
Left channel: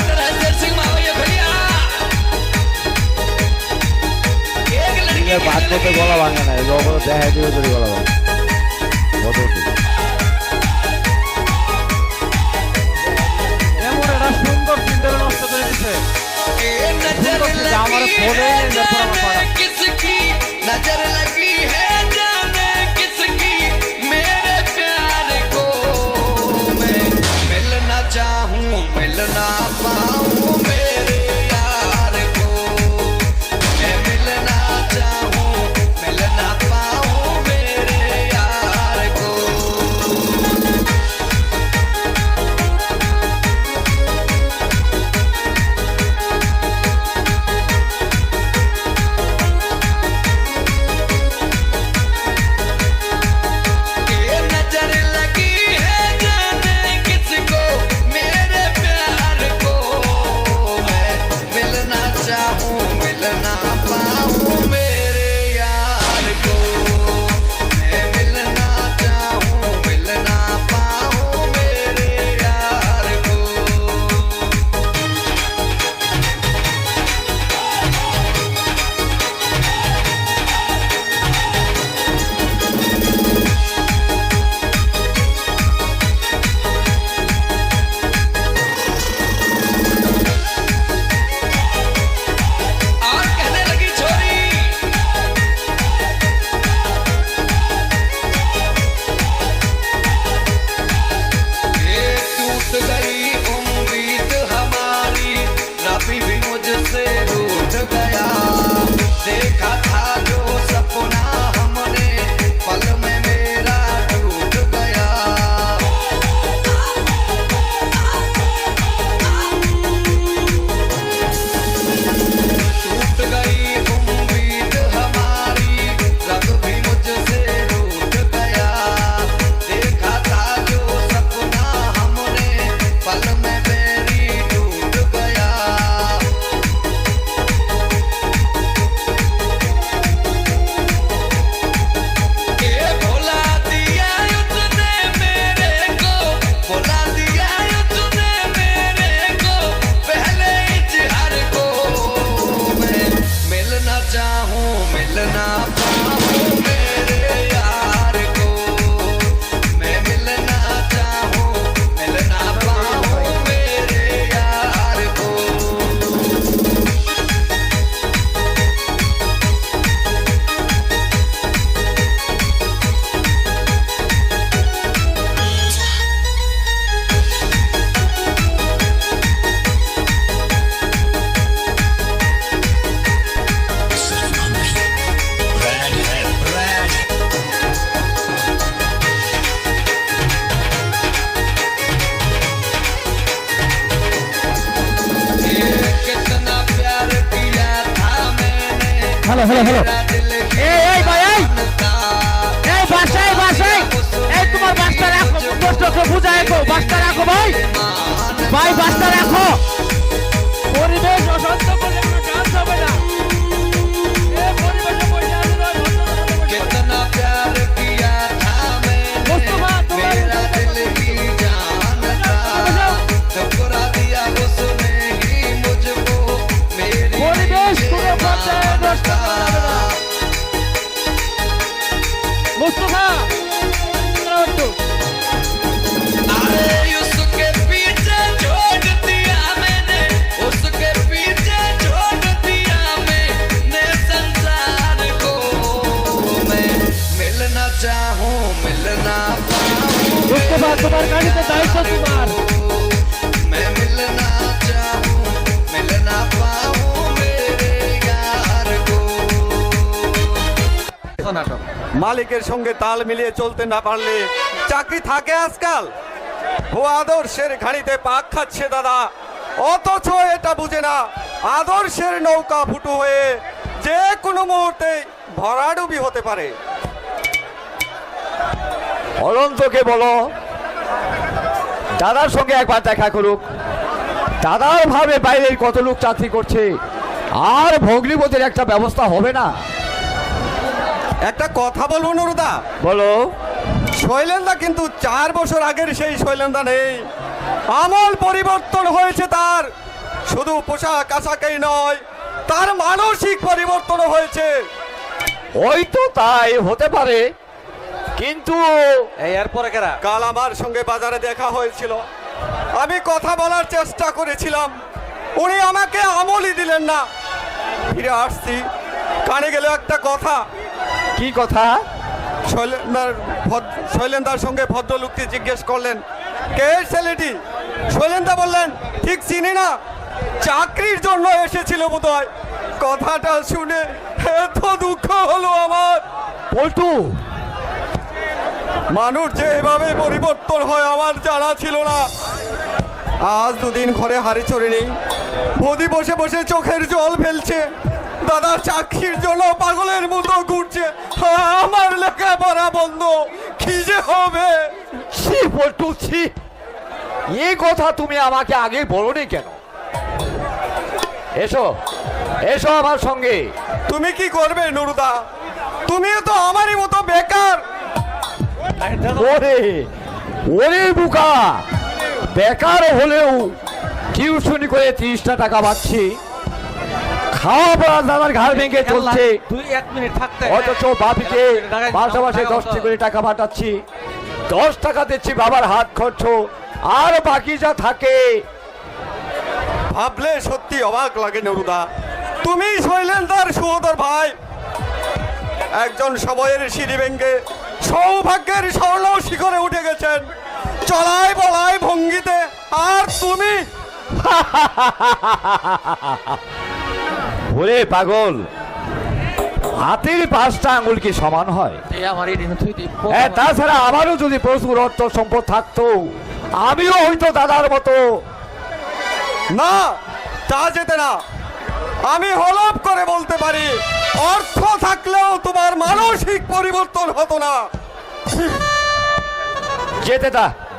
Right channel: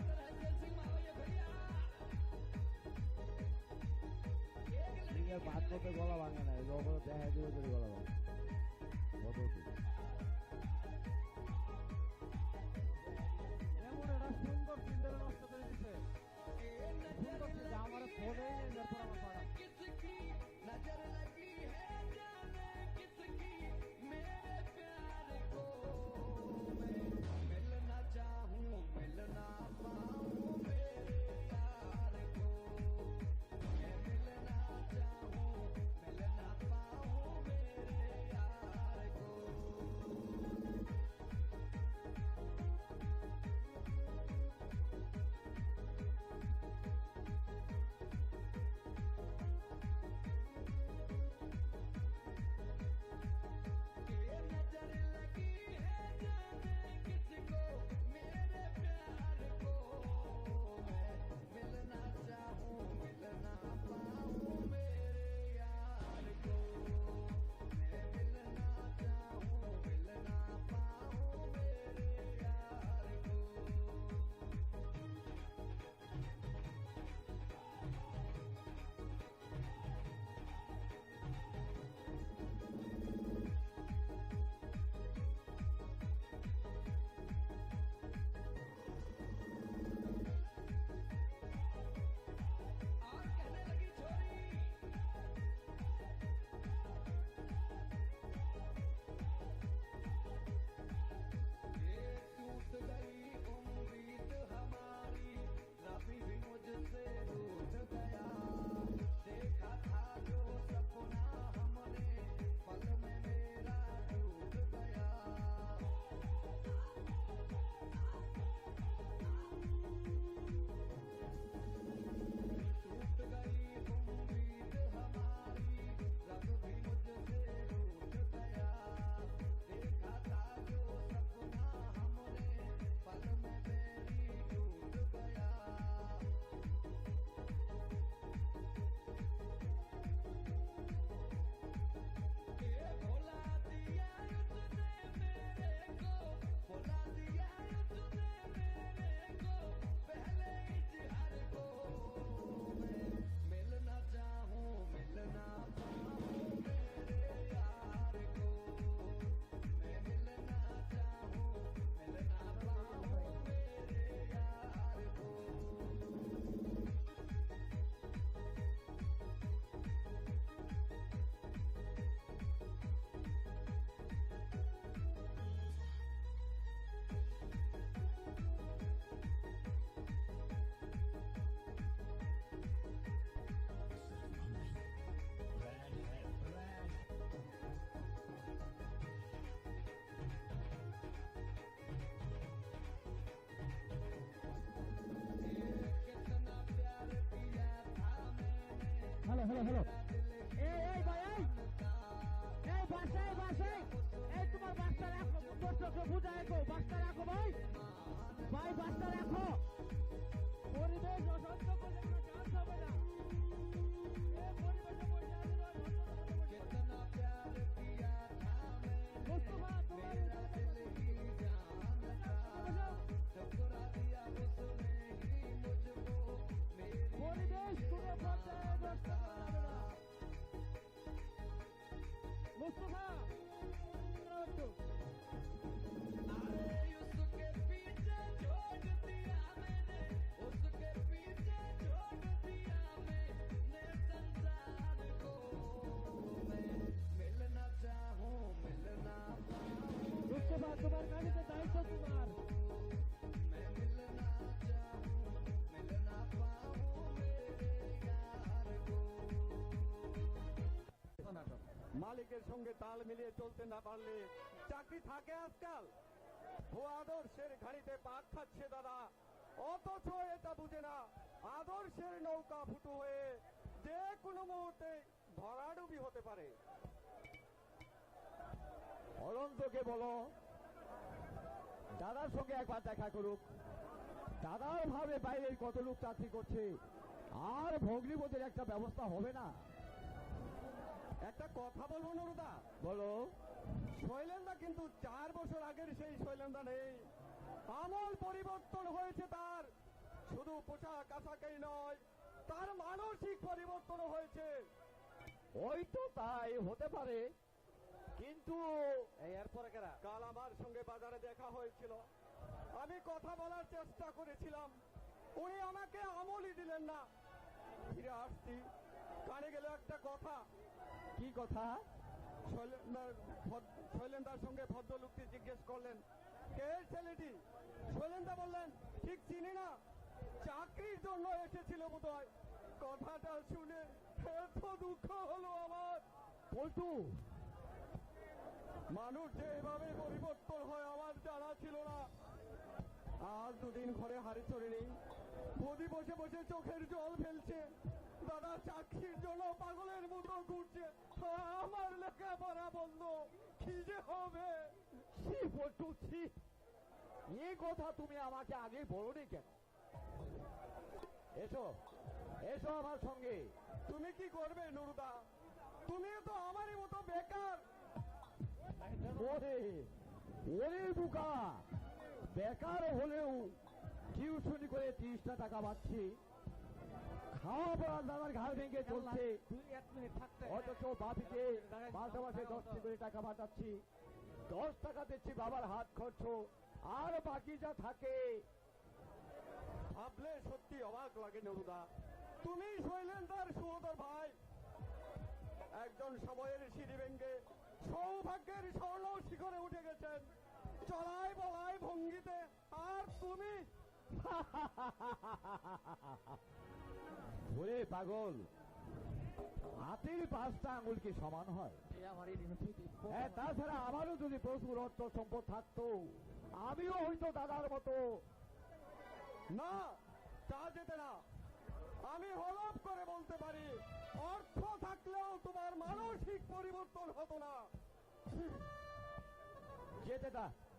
এখানে বাদ করতে গলা ভাঙে না, যখন দেখা দিবে যদি গলা ভাঙে এমন একটা সুন্দর চিন্তা নষ্ট করে দিচ্ছে আমার ফোনে किसकी नजर लगी है जाने किसकी मेरे प्यार को मैं मिलना चाहूं मिलना पाऊं मेरे यार को मैं मिलना चाहूं मिलना पाऊं मेरे यार को ये नजर लगी है जाने किसको मेरे प्यार को मैं मिलना चाहूं मिलना पाऊं मेरे यार को मैं मिलना चाहूं मिलना पाऊं मेरे यार को और कहने लगी छोरी ये टूट गई उम्मीद हमारी रबी भी मुझसे रूठ गया देखा था जो सपना हमने पल में मेरा टूट गया टूट गई उम्मीद हमारी रब भी मुझसे रूठ गया देखा था जो सपना हमने पल में मेरी टूट गया ये भुला दिया उसने मेरे को भुला दिया उसने मेरे को पहले इजहार को मैं मिलना चाहूं मिलना पाऊं मेरे यार को मैं मिलना चाहूं मिलना पाऊं मेरे यार को ये कितना प्यार किया था मैंने হ্যালো হ্যালো হ্যালো मेरा दिल এই ভাই এই जानता এই বাসায় বাসায় এই তোমার বাসটা রাখো কষ্টকে বুঝায় গো বাসটা রাখো ভাই ভাই বাসটা রাখো পরিবেশ অশান্ত করে আমরা গান হবে না এই পরিবেশে বসে আছে না कितना प्यार किया था मुस्तफा, मैंने तुम्हारे मेरा दिल ही जानता ठुकरा दिया उसने ही मुझको मेरी পরিবেশ পুরো পর্যায়ে নষ্ট করা যাবে না মুস্তফা अरे उसके पीछे छोड़ दिया मैंने उसके पीछे छोड़ दिया मैंने संसार को मैं मिलना चाहूं मिलना पाऊं মুস্তফা তোমার গাড়িতে দায়িত্ব তোমার मैं मिलना चाहूं मिलना पाऊं मेरे यार को মালিকের সঙ্গে তাল মিলিয়ে চলতে না পারলে চাকরি থাকে আজকাল। ও আদর্শের ঘাড়িতে পাক খাচ্ছে দাদা, অথচ এটা বুঝে না আদর্শের নৌকা ফুটো হয়ে যে কোনো মুহূর্তে ভরাডুবি হতে পারে। অনন্তকে বলো দাদার সঙ্গে একবার দেখা করুক। দাদার ভাবে বাইরের কত লোক চাকরি করছে, আর ভগ্নিপতির একটা ব্যবস্থা হবে না? একটা কথা বলবো নুরুদা? বলো। শৈলেন্দা কিন্তু 4 বছর আগের সেই শৈলেন্দা নেই, আমল পরিবর্তন হয়েছে তার। শুধু পোশাক আশাকেই নয়, তার মানসিক পরিবর্তন হয়েছে। হয়তো তাই হতে পারে, কিন্তু এরপরে কেরা? কাল আমার সঙ্গে বাজারে দেখা হয়েছিল, আমি কথা বলার চেষ্টা করেছিলাম, উনি আমাকে আমলই দিলেন না। ফিরে আসছি, কানে গেল একটা কথা। কি কথা? শৈলেন্দার সঙ্গে ভদ্রলোকটি জিজ্ঞেস করলেন, কে এই ছেলেটি? শৈলেন্দা বললেন, ঠিক চিনি না, চাকরির জন্য এসেছিল বোধহয়। কথাটা শুনে এত দুঃখ হলো আমার। পল্টু, মানুষ যে এভাবে পরিবর্তন হয় আমার জানা ছিল না। আজ দুদিন ঘরে হাড়ি চড়ে নেই, বৌদি বসে বসে চোখের জল ফেলছে, দাদা চাকরির জন্য পাগলের মতো ঘুরছে, আমার লেখাপড়া বন্ধ, কি যে হবে। ছি পল্টু, ছি, এই কথা তুমি আমাকে আগে বলোনি কেন? এসো এসো আমার সঙ্গে। তুমি কি করবে নুরুদা? তুমিও তো আমারই মতো বেকার। ওরে ওরে বুকা, বেকার হলেও টিউশনি করে 30টা টাকা পাচ্ছি, খাওয়া পড়া দাদার ঘাড় ভেঙে চলছে, তুই 1 মিনিট থাকতে, অথচ বাপিকে মাসে মাসে 10টি করে টাকা পাঠাচ্ছি, 10 টাকা দিচ্ছি বাবার হাত খরচ, আর বাকি যা থাকে। ভাবলে সত্যি অবাক লাগে নুরুদা, তুমি শৈলেন্দার সুহদর ভাই, একজন সময়ের সিঁড়ি ভেঙে সৌভাগ্যের স্বর্ণ শিখরে উঠে গেছেন চলায় বলায় ভঙ্গিতে, আর তুমি ওরে পাগল, হাতের 5টা আঙুল কি সমান হয়? আমার এই দিন তুই তাছাড়া আমারও যদি প্রচুর অর্থ সম্পদ থাকতো, আমিও হয়তো দাদার মতো। না, তা যেতে না। আমি হলফ করে বলতে পারি, অর্থ থাকলেও তোমার মানসিক পরিবর্তন হতো না।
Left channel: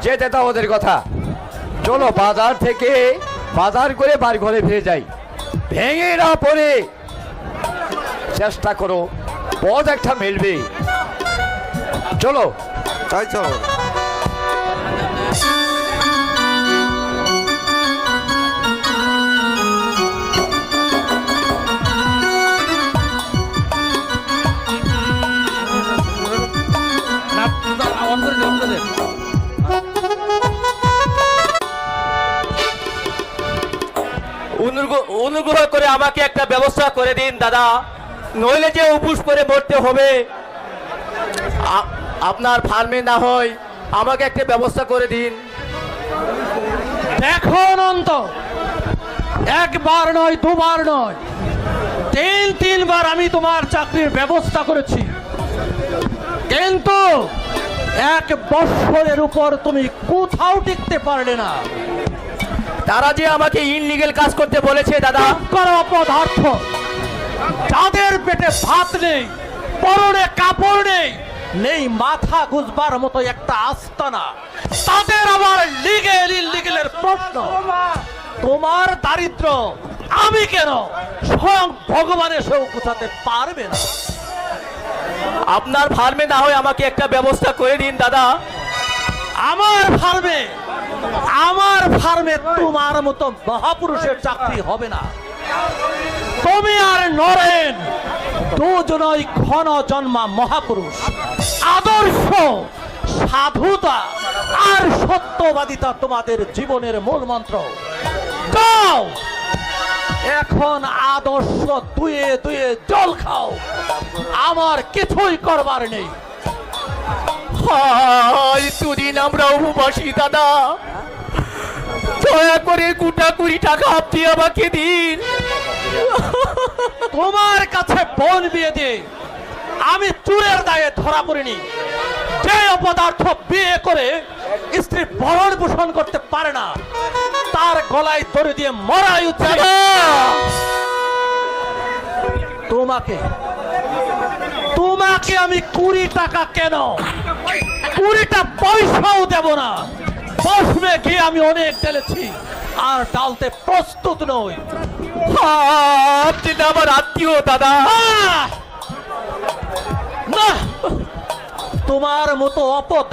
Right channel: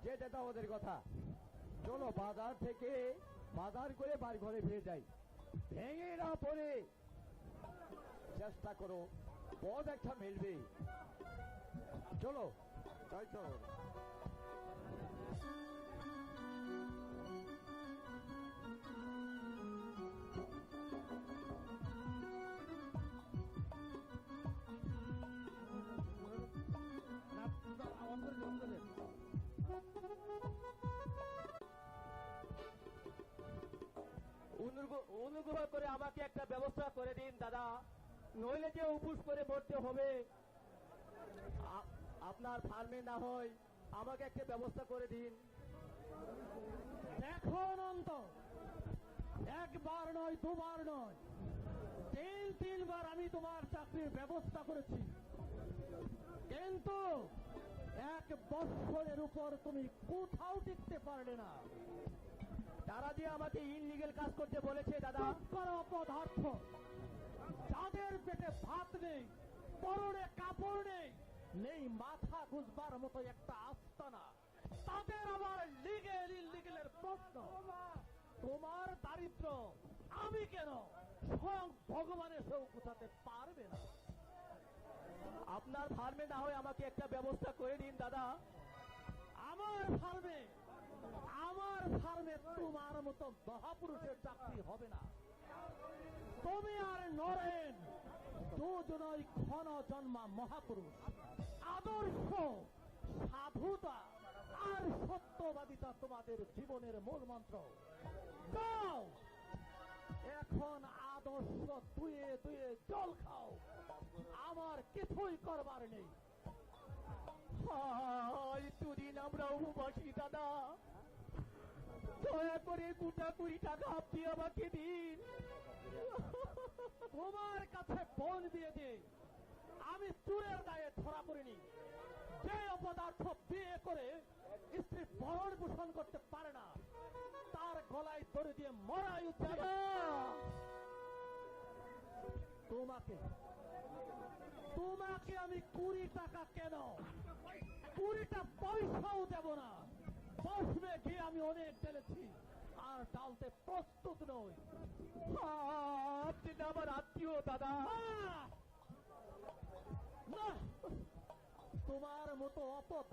যেতে তা ওদের কথা। চলো বাজার থেকে বাজার করে বাড়ি ঘরে ফিরে যাই, ভেঙে না পড়ে চেষ্টা করো, পথ একটা মিলবে। চলো। তাই চলো। অনুগ্রহ করে আমাকে একটা ব্যবস্থা করে দিন দাদা, নইলে যে উপোস করে মরতে হবে। আপনার ফার্মে না হয় আমাকে একটা ব্যবস্থা করে দিন। দেখো অনন্ত, একবার নয়, দুবার নয়, 3-3বার আমি তোমার চাকরির ব্যবস্থা করেছি, কিন্তু 1 বৎসরের উপর তুমি কোথাও টিকতে পারলে না। তারা যে আমাকে ইনলিগেল কাজ করতে বলেছে দাদা। করো অপদার্থ, যাদের পেটে ভাত নেই, পরনে কাপড় নেই, নেই মাথা গুজবার মতো একটা আস্তানা, তাদের আবার লিগেল ইনলিগেলের প্রশ্ন। তোমার দারিদ্র আমি কেন, স্বয়ং ভগবান এসেও কোথাতে পারবে না। আপনার ফার্মে না হয় আমাকে একটা ব্যবস্থা করে দিন দাদা। আমার ফার্মে তোমার মতো মহাপুরুষের চাকরি হবে না। তুমি আর নরেন দুজনই ক্ষণ জন্মা মহাপুরুষ। আদর্শ, সাধুতা আর সত্যবাদিতা তোমাদের জীবনের মূল মন্ত্র। যাও এখন আদর্শ দুয়ে দুয়ে জল খাও, আমার কিছুই করবার নেই। দুদিন আমরা উপবাসী দাদা, দয়া করে 2 টাকা আপনি আমাকে দিন। তোমার কাছে বোন বিয়ে দিয়ে আমি চুরের দায়ে ধরা পড়িনি। যে অপদার্থ বিয়ে করে স্ত্রী ভরণ পোষণ করতে পারে না, তার গলায় দড়ি দিয়ে মরাই উচিত। তোমাকে আমি 20 টাকা কেন, 20টা পয়সাও দেব না। বসমে গিয়ে আমি অনেক ঢেলেছি, আর ডালতে প্রস্তুত নই। আপনি তো আমার আত্মীয় দাদা। না, তোমার মতো অপদ